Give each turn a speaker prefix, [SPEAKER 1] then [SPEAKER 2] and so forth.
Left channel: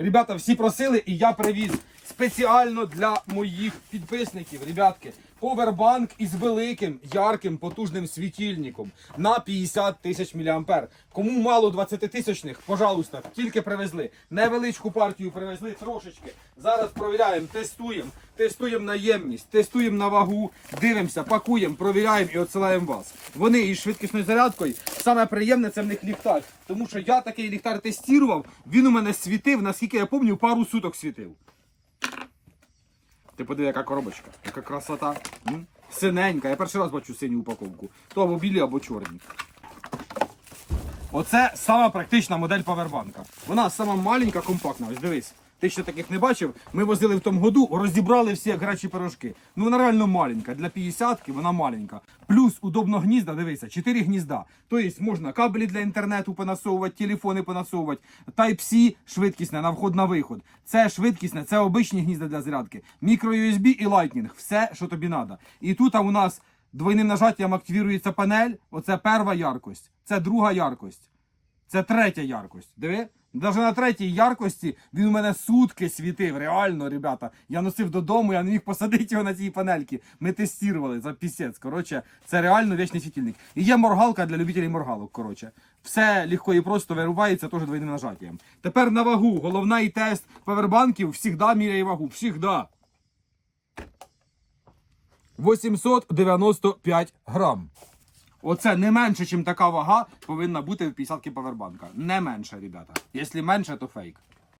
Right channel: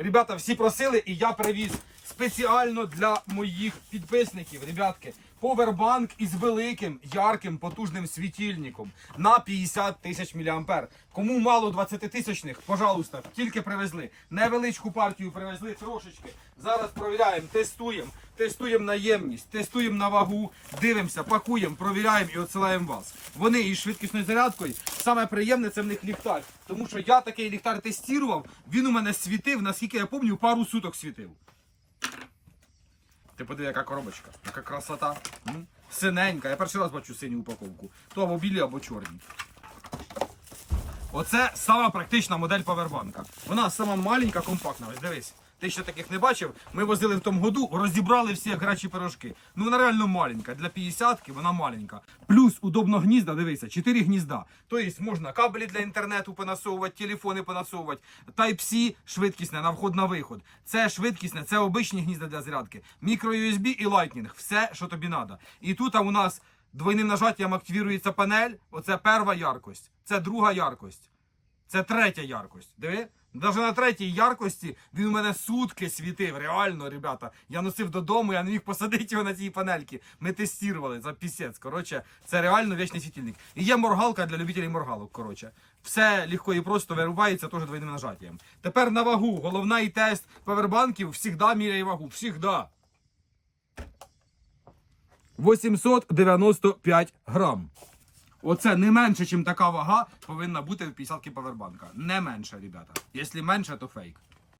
[SPEAKER 1] Ребята, всі просили, і я привіз спеціально для моїх підписників, ребятки, повербанк із великим, ярким, потужним світильником на 50 тисяч мА. Кому мало 20 тисячних, пожалуйста, тільки привезли. Невеличку партію привезли трошечки. Зараз провіряємо, тестуємо, тестуємо на ємність, тестуємо на вагу, дивимося, пакуємо, провіряємо і відсилаємо вас. Вони із швидкісною зарядкою. Саме приємне це в них ліхтар. Тому що я такий ліхтар тестував, він у мене світив, наскільки я пам'ятаю, пару суток світив. Ти подиви, яка коробочка, яка красота. М? Синенька. Я перший раз бачу синю упаковку. То або білі, або чорні. Оце сама практична модель павербанка. Вона сама маленька, компактна. Ось дивись. Ти ще таких не бачив. Ми возили в тому году, розібрали всі як гарячі пирожки. Ну вона реально маленька. Для 50-ки вона маленька. Плюс удобно гнізда, дивися, 4 гнізда. Тобто можна кабелі для інтернету понасовувати, телефони понасовувати. Type-C швидкісне на вход на виход. Це швидкісне, це обичні гнізда для зарядки. Мікро USB і Lightning. Все, що тобі треба. І тут у нас двойним нажаттям активується панель. Оце перша яркость, це друга яркость. Це третя яркость. Диви? Навіть на третій яркості він у мене сутки світив. Реально, ребята. Я носив додому, я не міг посадити його на цій панельки. Ми тестували за пісець. Коротше, це реально вічний світильник. І є моргалка для любителів моргалок. Коротше, все легко і просто вирубається теж двойним нажаттям. Тепер на вагу. Головний тест павербанків завжди міряє вагу. Всігда. 895 грам. Оце не менше, ніж така вага повинна бути в 50 павербанка. Не менше, ребята. Якщо менше, то фейк.